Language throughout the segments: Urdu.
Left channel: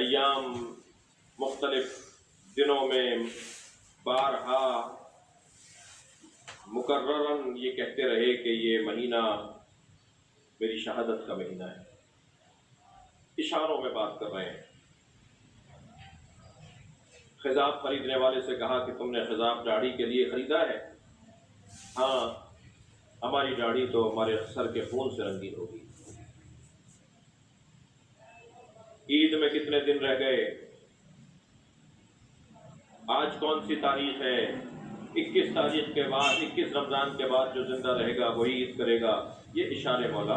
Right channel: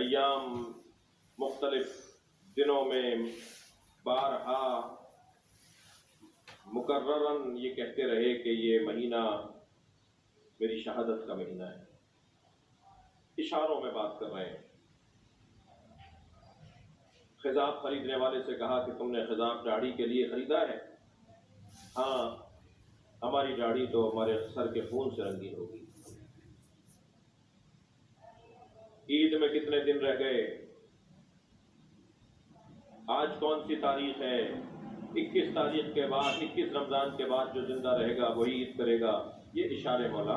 ایام مختلف دنوں میں بارہا مکرراً یہ کہتے رہے کہ یہ مہینہ میری شہادت کا مہینہ ہے. اشاروں میں بات کر رہے ہیں. خضاب خریدنے والے سے کہا کہ تم نے خضاب داڑھی کے لیے خریدا ہے؟ ہاں، ہماری داڑھی تو ہمارے سر کے خون سے رنگین ہوگی. عید میں کتنے دن رہ گئے؟ آج کون سی تاریخ ہے؟ 21 تاریخ کے بعد، 21 رمضان کے بعد جو زندہ رہے گا وہی عید کرے گا. یہ اشارے مولا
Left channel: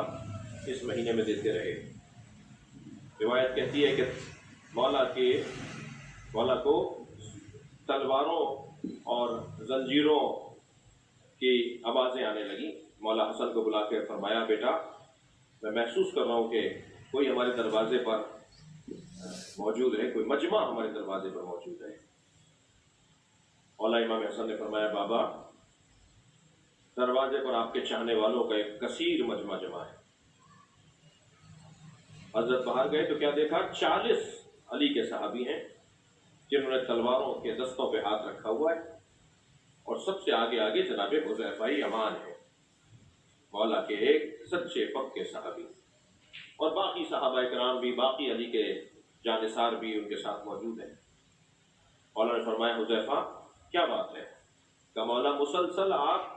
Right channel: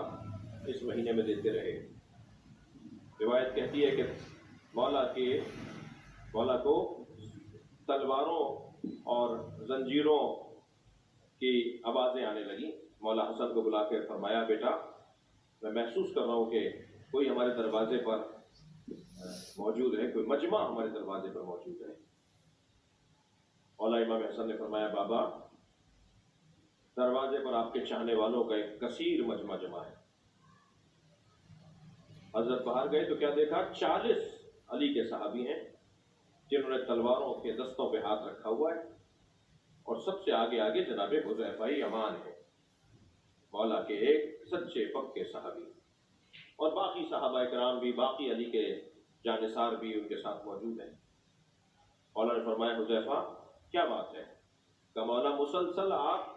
اس مہینے میں دیتے رہے. روایت کہتی ہے کہ مولا کو تلواروں اور زنجیروں کی آوازیں آنے لگی. مولا حسن کو بلا کے فرمایا، بیٹا میں محسوس کر رہا ہوں کہ کوئی ہمارے دروازے پر موجود ہے، کوئی مجمع ہمارے دروازے پر موجود ہے. مولا امام حسن نے فرمایا، بابا دروازے پر آپ کے چاہنے والوں کا ایک کثیر مجمع جمع ہے. حضرت باہر گئے تو کیا دیکھا؟ 40 علی کے صحابی ہیں جنہوں نے تلواروں کے دستوں پہ ہاتھ رکھا ہوا ہے، اور سب سے آگے جناب حذیفہ یمان ہے، مولا کے ایک سچے پکے صحابی. اور باقی صحابہ کرام بھی، باقی علی کے جانثار بھی ان کے ساتھ موجود ہیں. مولا نے فرمایا، حذیفہ کیا بات ہے؟ کہ مولا مسلسل آپ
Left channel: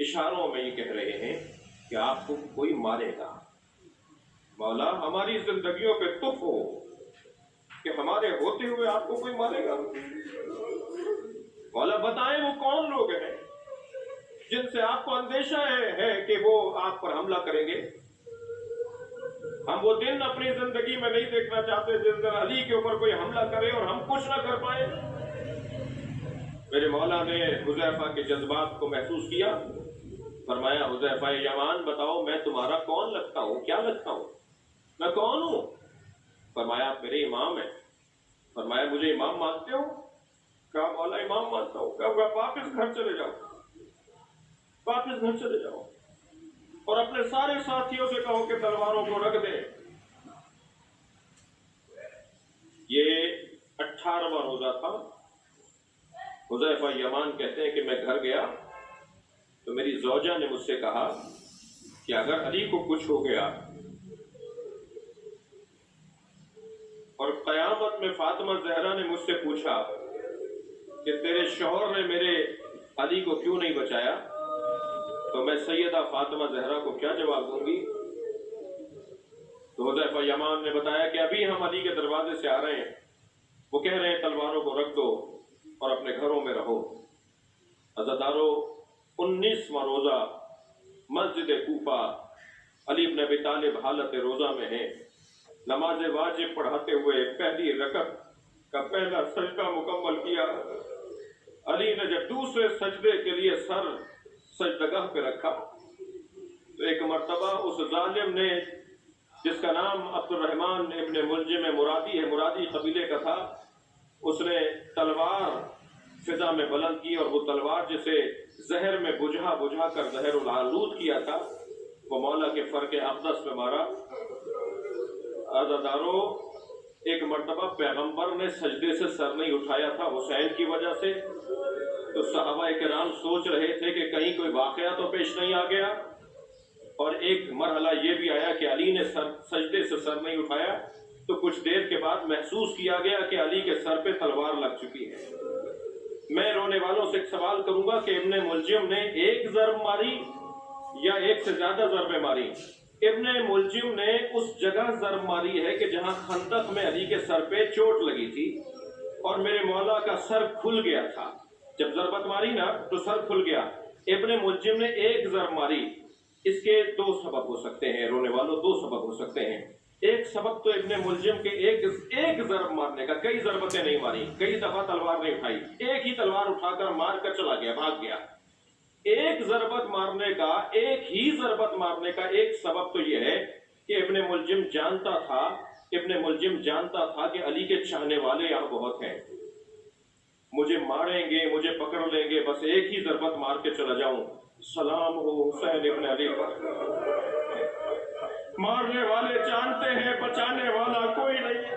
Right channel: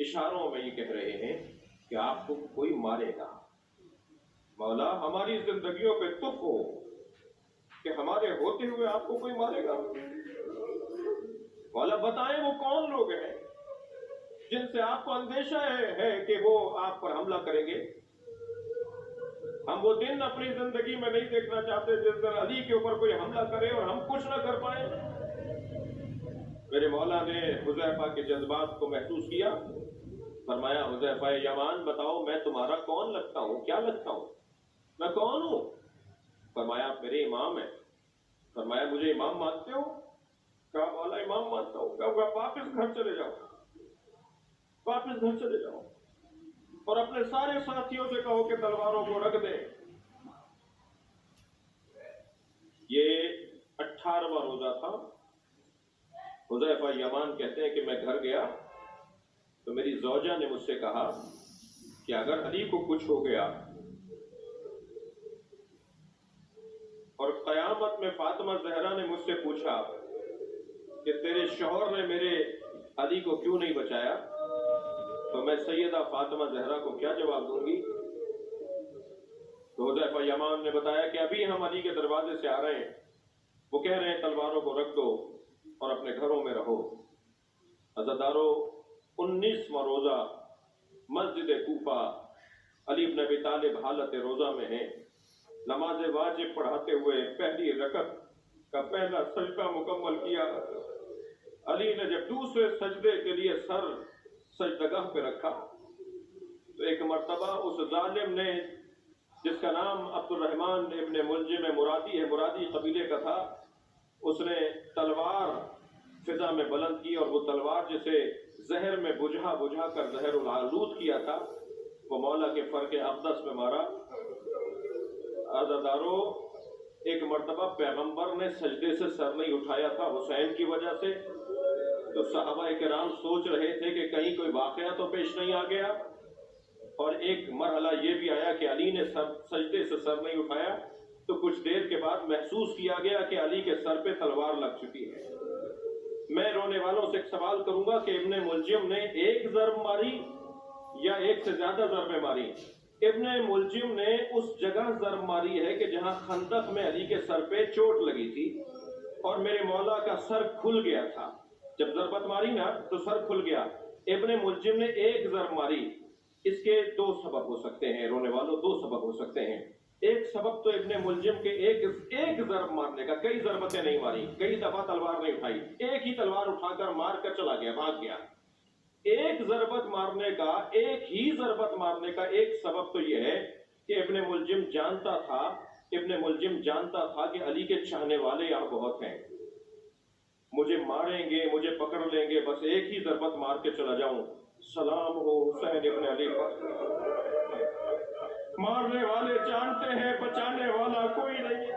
اشاروں میں یہ کہہ رہے ہیں کہ آپ کو کوئی مارے گا. مولا ہماری زندگیوں پہ تف ہو کہ ہمارے ہوتے ہوئے آپ کو کوئی مارے گا. مولا بتائیں وہ کون لوگ ہیں جن سے آپ کو اندیشہ ہے کہ وہ آپ پر حملہ کریں گے. ہم وہ دن اپنی زندگی میں نہیں دیکھنا چاہتے جس دن علی کے اوپر کوئی حملہ کرے اور ہم کچھ نہ کر پائیں. میرے مولا نے حذیفہ کے جذبات کو محسوس کیا. فرمایا، حذیفہ یمان بتاؤ میں تمہارا کون لگتا ہوں؟ کیا لگتا ہوں؟ میں کون ہوں؟ فرمایا، آپ میرے امام ہیں. فرمایا، مجھے امام مانتے ہو؟ کہا مولا امام مانتا ہوں. کہا واپس گھر چلے جاؤ، واپس گھر چلے جاؤ اور اپنے سارے ساتھیوں سے کہو کہ تلواروں کو رکھ دیں. یہ 18واں روزہ تھا. حذیفہ یمان کہتے ہیں کہ میں گھر گیا تو میری زوجہ نے مجھ سے کہا کہ اگر علی کو کچھ ہو گیا اور قیامت میں فاطمہ زہرا نے مجھ سے پوچھا کہ تیرے شوہر نے میرے علی کو کیوں نہیں بچایا، تو میں سیدہ فاطمہ زہرا کو کیا جواب دوں گی؟ تو حذیفہ یمان نے بتایا کہ ابھی ہم علی کے دروازے سے آ رہے ہیں، وہ کہہ رہے ہیں تلواروں کو رکھ دو اور اپنے گھروں میں رہو. عزادارو 19واں روزہ مسجد کوفہ، علی بن ابی طالب حالت روزہ میں ہیں. نماز واجب پڑھاتے ہوئے پہلی رکعت کا پہلا سجدہ مکمل کیا. علی نے جب دوسرے سجدے کے لیے سر سجدگاہ پہ رکھا تو ایک مرتبہ اس ظالم نے، جس کا نام عبد الرحمن ابن ملجم مرادی ہے، مرادی قبیلے کا تھا، اس نے تلوار فضا میں بلند کی اور وہ تلوار جسے زہر میں بجھا کر زہر العلود کیا تھا وہ مولا کے فرق اقدس میں مارا. عزادارو ایک مرتبہ پیغمبر نے سجدے سے سر نہیں اٹھایا تھا حسین کی وجہ سے، تو صحابہ کرام سوچ رہے تھے کہ کہیں کوئی واقعہ تو پیش نہیں آ گیا. اور ایک مرحلہ یہ بھی آیا کہ علی نے سجدے سے سر نہیں اٹھایا تو کچھ دیر کے بعد محسوس کیا گیا کہ علی کے سر پہ تلوار لگ چکی ہے. میں رونے والوں سے ایک سوال کروں گا کہ ابن ملجم نے ایک ضرب ماری یا ایک سے زیادہ ضربیں ماری؟ ابن ملجم نے اس جگہ ضرب ماری ہے کہ جہاں خندق میں علی کے سر پہ چوٹ لگی تھی اور میرے مولا کا سر کھل گیا تھا. جب ضربت ماری نا تو سر کھل گیا. ابن ملجم نے ایک ضرب ماری. اس کے 2 سبب ہو سکتے ہیں رونے والوں، 2 سبب ہو سکتے ہیں. ایک سبب تو ابن ملجم کے ایک ضرب مارنے کا، کئی ضربتیں نہیں ماری، کئی دفعہ تلوار نہیں اٹھائی، ایک ہی تلوار اٹھا کر مار کر چلا گیا، بھاگ گیا. ایک ضربت مارنے کا، ایک ہی ضربت مارنے کا ایک سبب تو یہ ہے کہ ابن ملجم جانتا تھا کہ علی کے چاہنے والے یہاں بہت ہیں، مجھے ماریں گے، مجھے پکڑ لیں گے، بس ایک ہی ضربت مار کے چلا جاؤں. سلام ہو حسین ابن علی پر. مارنے والے جانتے ہیں بچانے والا کوئی نہیں.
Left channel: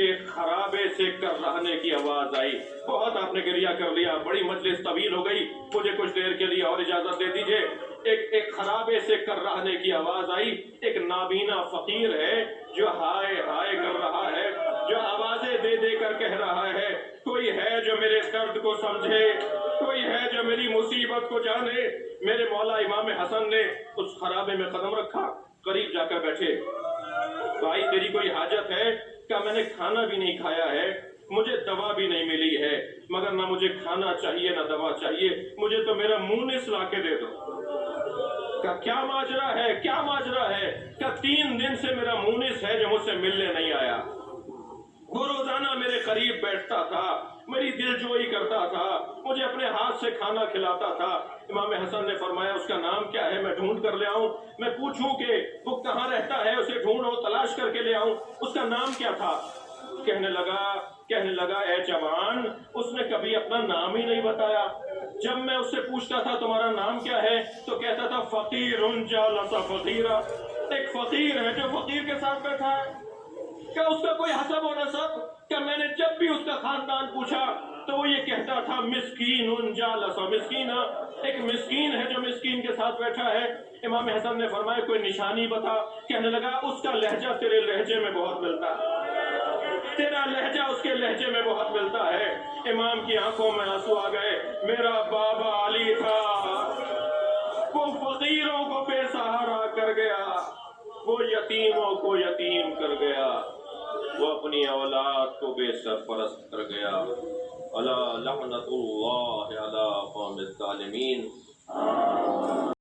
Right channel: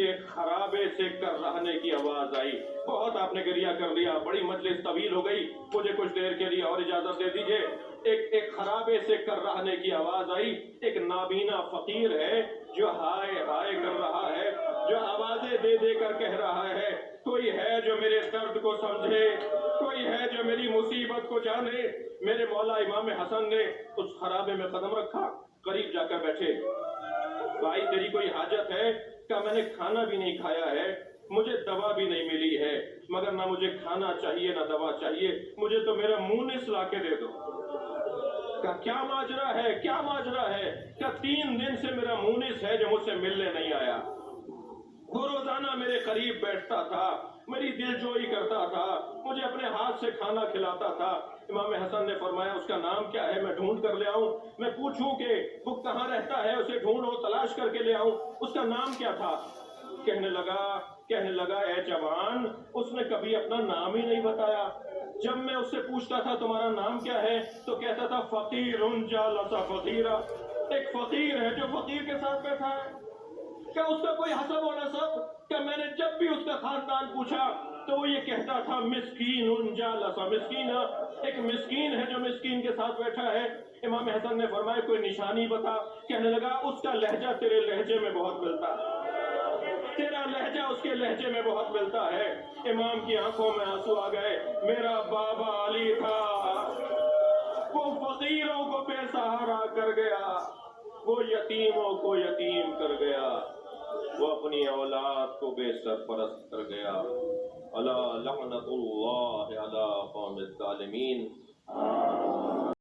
کہ خرابے سے کرہنے کی آواز آئی. بہت آپ نے گریہ کر لیا, بڑی مجلس طویل ہو گئی, مجھے کچھ دیر کے لیے اور اجازت دے دیجئے. ایک خرابے سے کرہنے کی آواز آئی. ایک نابینا فقیر ہے جو ہائے ہائے کر رہا ہے, جو آوازیں دے دے کر کہہ رہا ہے, کوئی ہے جو میرے درد کو سمجھے, کوئی ہے جو میری مصیبت کو جانے. میرے مولا امام حسن نے اس خرابے میں قدم رکھا, قریب جا کر بیٹھے. بھائی تیری کوئی حاجت ہے؟ کہا میں نے کھانا بھی نہیں کھایا ہے, مجھے دوا بھی نہیں ملی ہے, مگر نہ مجھے کھانا چاہیے نہ دوا چاہیے, مجھے تو میرا مونس لا کے دے دو. کہا کیا ماجرا ہے, کیا ماجرا ہے؟ کہا 3 دن سے میرا مونس ہے جو مجھ سے ملنے نہیں آیا. وہ روزانہ میرے قریب بیٹھتا تھا, میری دل جوئی کرتا تھا, مجھے اپنے ہاتھ سے کھانا کھلاتا تھا. امام حسن نے فرمایا اس کا نام کیا ہے, میں ڈھونڈ کر لے آؤں, میں پوچھوں کہ وہ کہاں رہتا ہے, اسے ڈھونڈو, تلاش کر کے لے آؤں, اس کا نام کیا تھا. کہنے لگا اے جوان, اس نے کبھی اپنا نام ہی نہیں بتایا. جب میں اس سے پوچھتا تھا تمہارا نام کیا ہے تو کہتا تھا فقیر جالس فقیرا, ایک فقیر ہے جو فقیر کے ساتھ بیٹھا ہے. کیا اس کا کوئی حسب و نسب؟ کیا میں نے جب بھی اس کا خاندان پوچھا تو وہ یہ کہتا تھا مسکین جالس مسکینا, ایک مسکین ہے جو مسکین کے ساتھ بیٹھا ہے. امام حسن نے فرمایا کوئی نشانی بتا. کہنے لگا اس کا لہجہ تیرے لہجے میں بہت ملتا ہے, تیرا لہجہ اس کے لہجے میں بہت ملتا ہے. امام کی آنکھوں میں آنسو آ گئے. میرا بابا علی تھا, وہ فقیروں کو بے سہارا کر گیا, وہ یتیموں کو یتیم کر گیا, وہ اپنی اولاد کو بے سرپرست کر گیا. الا لعنت اللہ علی قوم الظالمین.